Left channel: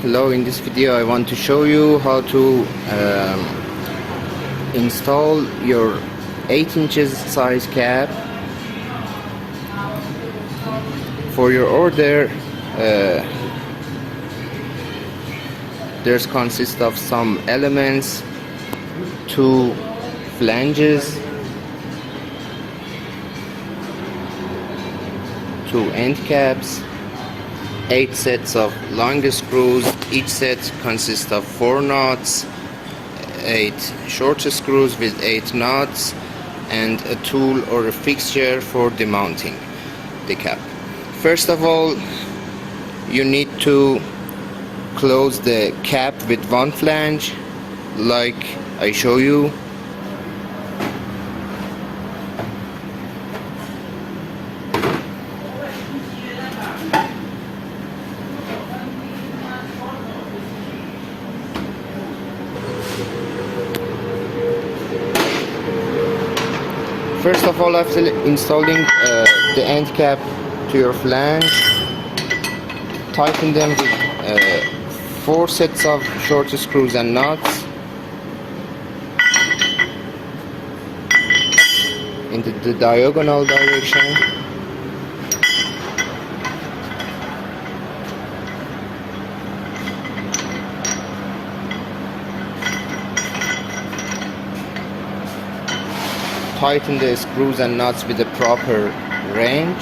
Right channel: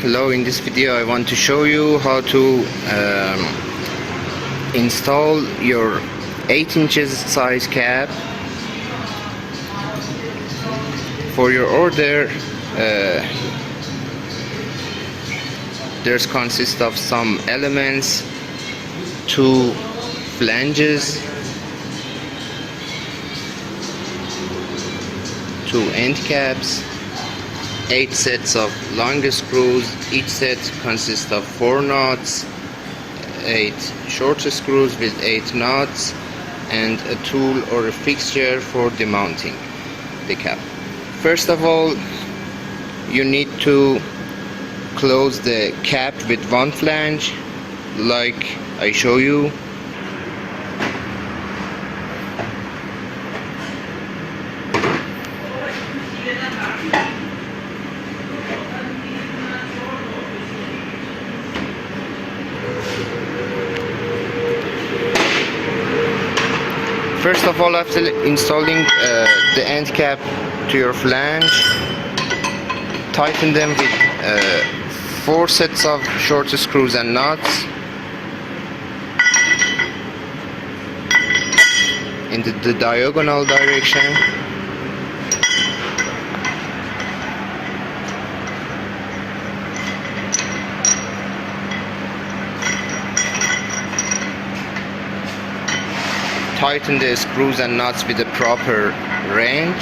Hello, in this video I want to show you how to install your 8 inches size cap. For your order, there's consist of some elements, 2 flanges, 2 end caps, 8 sets of long screws. Each set consists of 4 nuts, 8 short screws with 8 nuts, and a tool or a fixture for demounting the cap. First of all, you need to close the cap with one flange like I show you. First of all, after installing the end cap to your flange, tighten them with 4 sets of short screws and nuts in the diagonal direction. Tighten the screws and nuts with the proper range.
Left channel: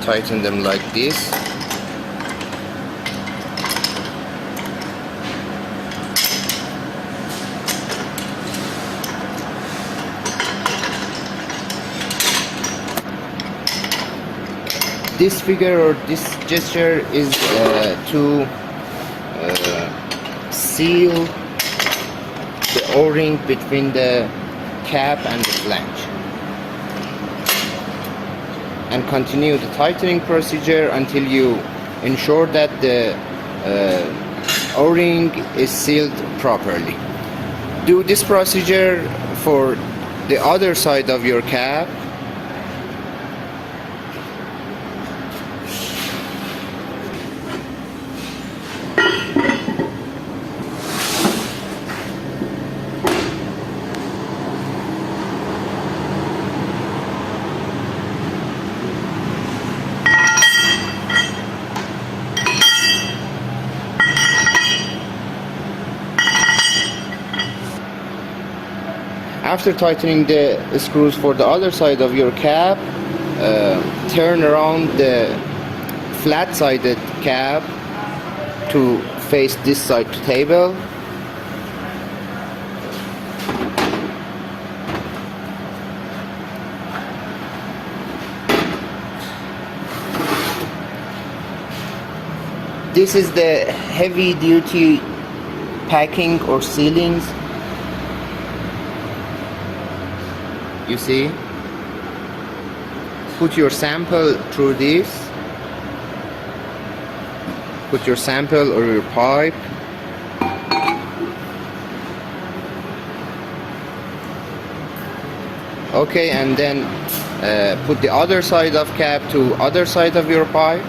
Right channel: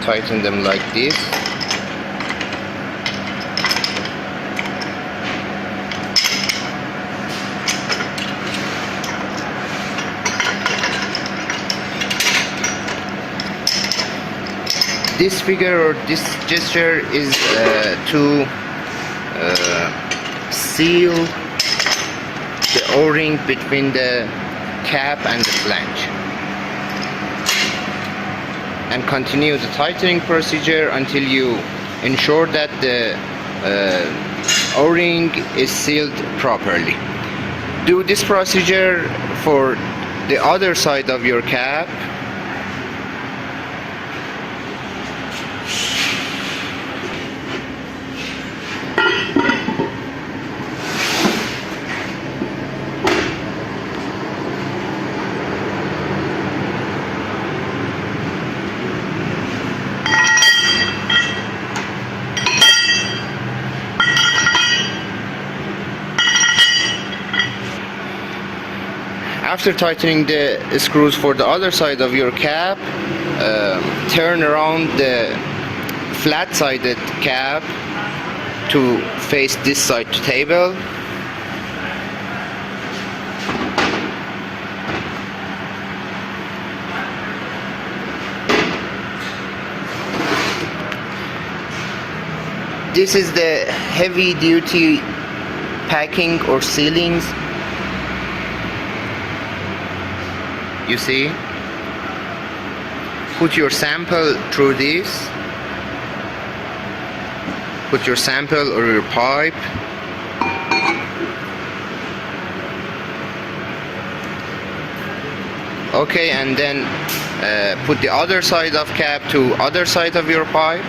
Tighten them like this. This figure or this gesture is to seal the O-ring between the cap and the flange, and continue the tightening procedure until you ensure that the O-ring is sealed properly. Do this procedure for the other side of your cap. After tightening the screws for the other side of your cap, turn around the flat-sided cap to face this side to table. This is the heavy-duty packing or sealings. You see, put your sample through this, put your sample or your pipe, okay, and then put the other side of cap to other side of your pipe.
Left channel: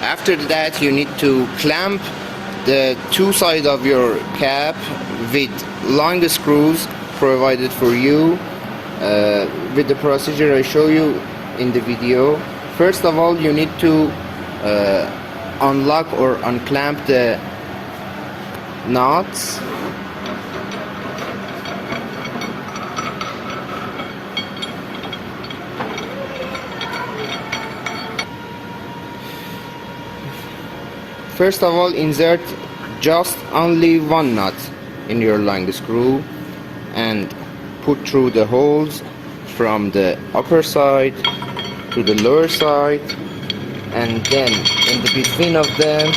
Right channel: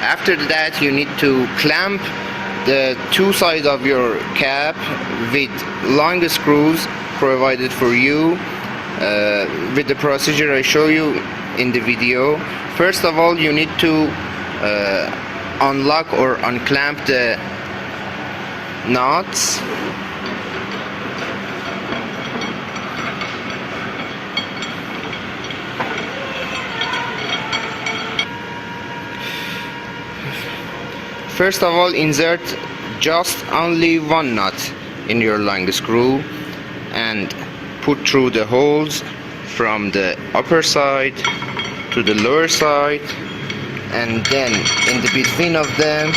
After that, you need to clamp the 2 sides of your cap with long screws provided for you with the procedure I show you in the video. First of all, you need to unlock or unclamp the nuts. First of all, insert just only 1 nut in your long screw and put through the holes from the upper side to the lower side, and then in the between of them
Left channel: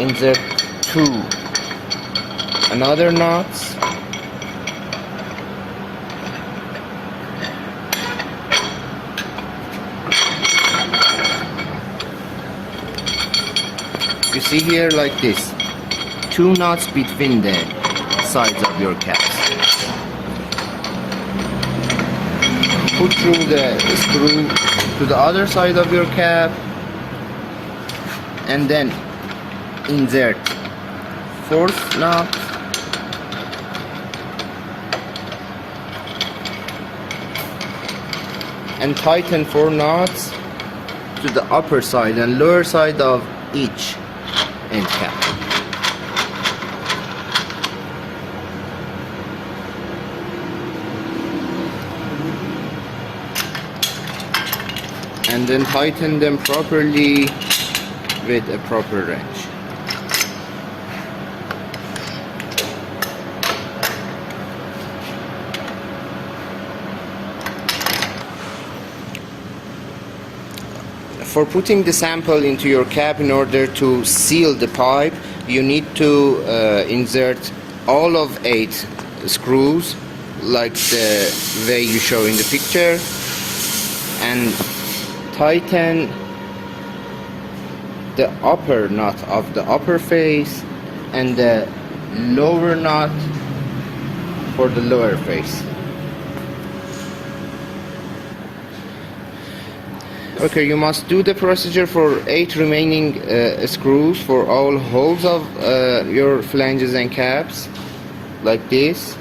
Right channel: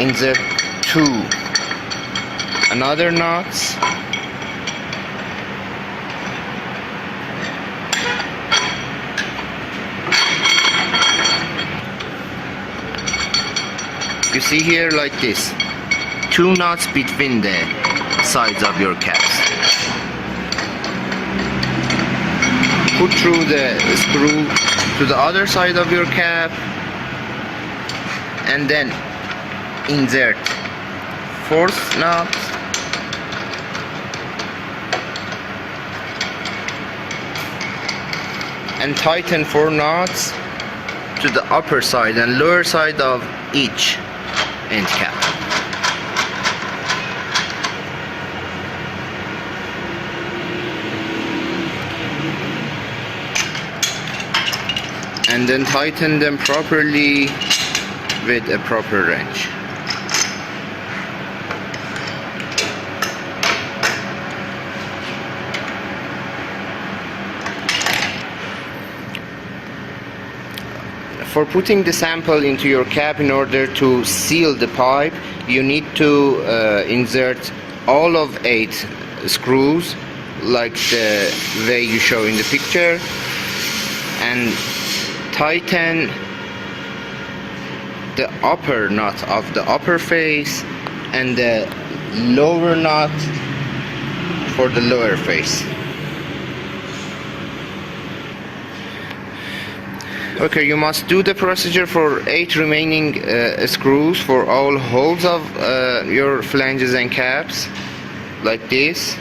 insert two another knots, you see here like this, two knots between the sides of your caps. Put through the screw to the other side of your cap and then insert fourth knot and tighten 4 knots to the upper side and lower side of each end cap. And then tighten them properly with a proper wrench. For putting the sample into your cap, in order to seal the pipe, you need to insert all of 8 screws like the way you show in the picture, and tighten the upper knot of the upper face and the lower knot for the lower face. Okay, you must do the procedure for 8 remaining screws for all holes of your flanges and caps, like this.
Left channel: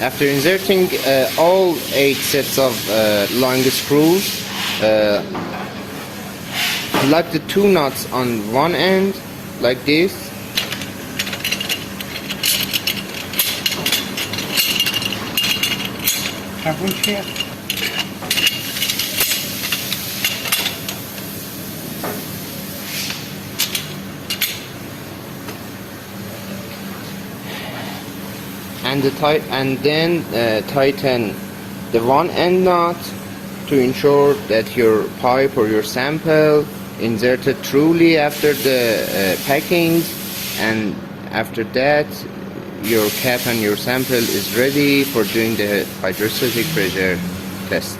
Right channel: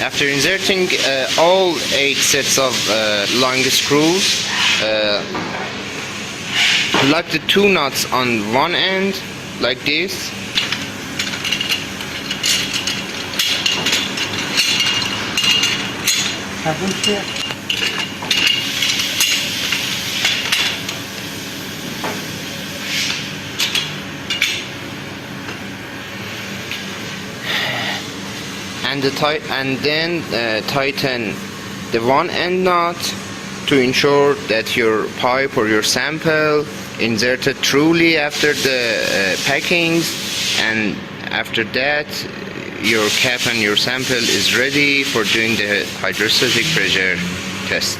After inserting all 8 sets of long screws, lock the 2 nuts on one end like this. And then tighten the one end knot to ensure that your pipe or your sample inserted truly after the packings, and after that your cap and your sample is ready for doing the hydrostatic pressure test.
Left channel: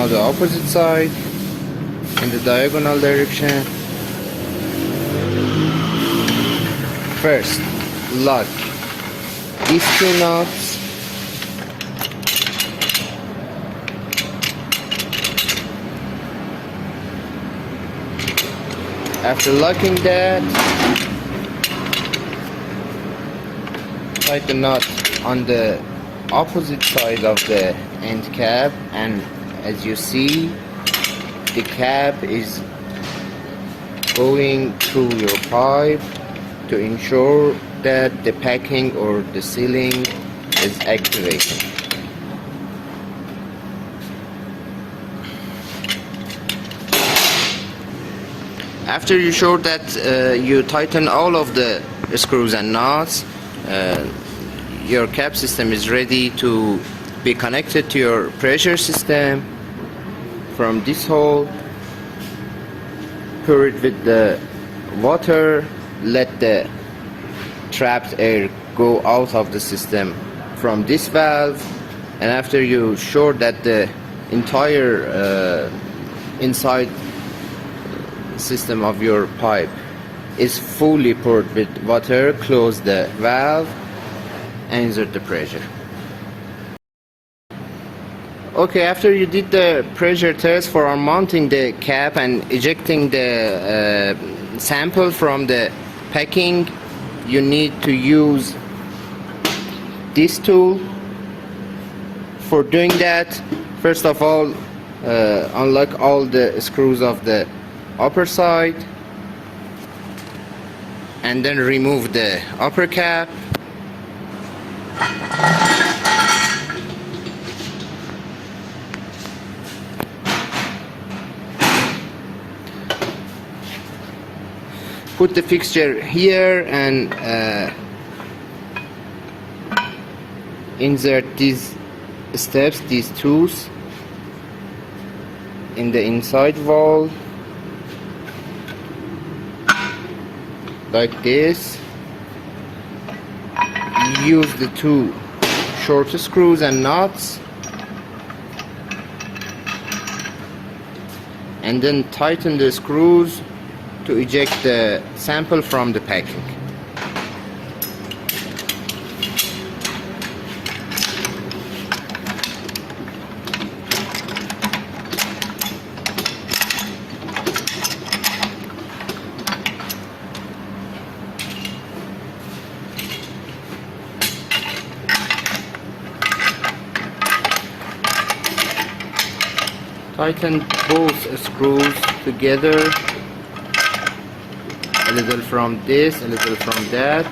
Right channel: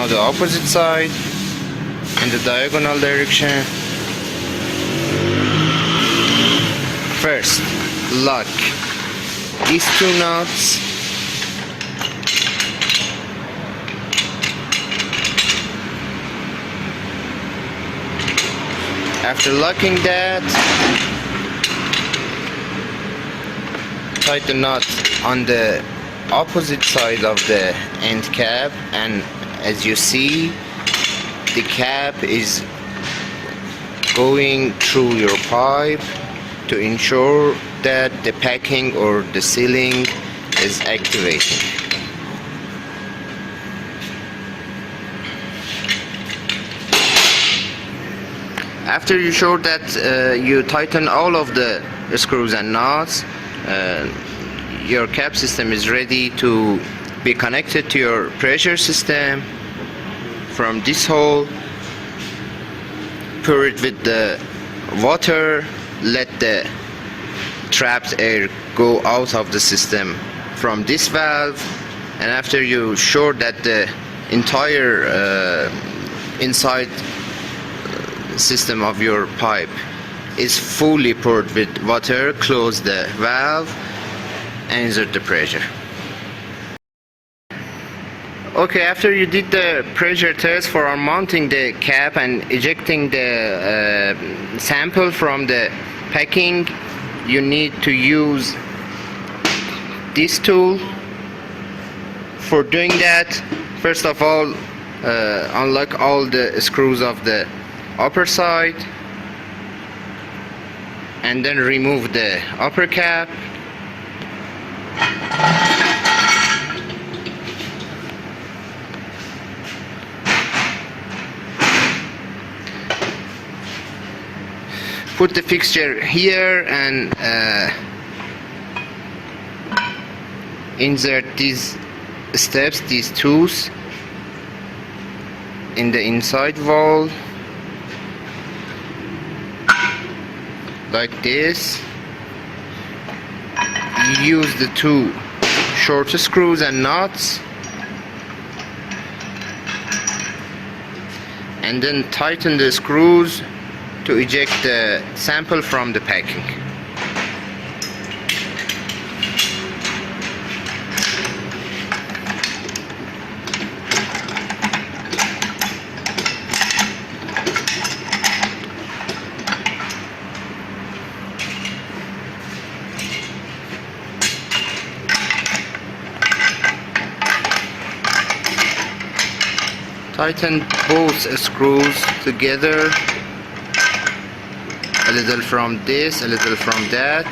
Now the opposite side in the diagonal direction. First, lock these two nuts. After locking that, tighten the nut on the opposite side of the end cap, and as you see, the cap is going through your pipe to ensure that the packing or the sealing is activating. After you sure that you tighten all of the screws and nuts, your cap system is ready to be connected to your pressure system. From this hole, pour it with the water, let the trapped air go out of the system from this valve, and after you sure that the entire inside system of your pipe is fully poured with water, close the valve and insert the pressure. Okay, after you did the pressure test for mounting the cap and ejecting the sample from the packing, you need to use this tool. For doing that, first of all, unlock all the screws of the upper side and then remove the upper cap. Put the fixture here and insert these steps, these tools, in the inside wall like this. Use the two short screws and nuts and then tighten the screws to eject the sample from the packing. Tighten both screws together, a little from this, a little from that.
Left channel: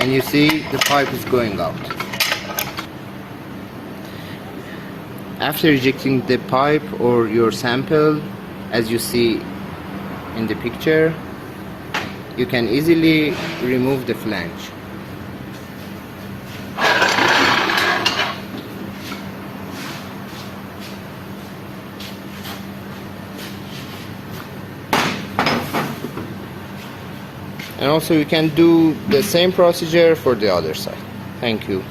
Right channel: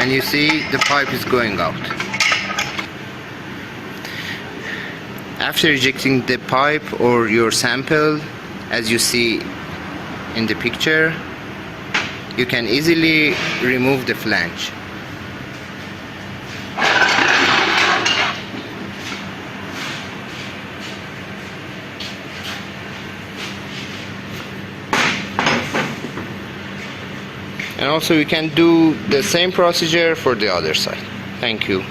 And you see the pipe is going out. After ejecting the pipe or your sample, as you see in the picture, you can easily remove the flange. And also you can do the same procedure for the other side. Thank you.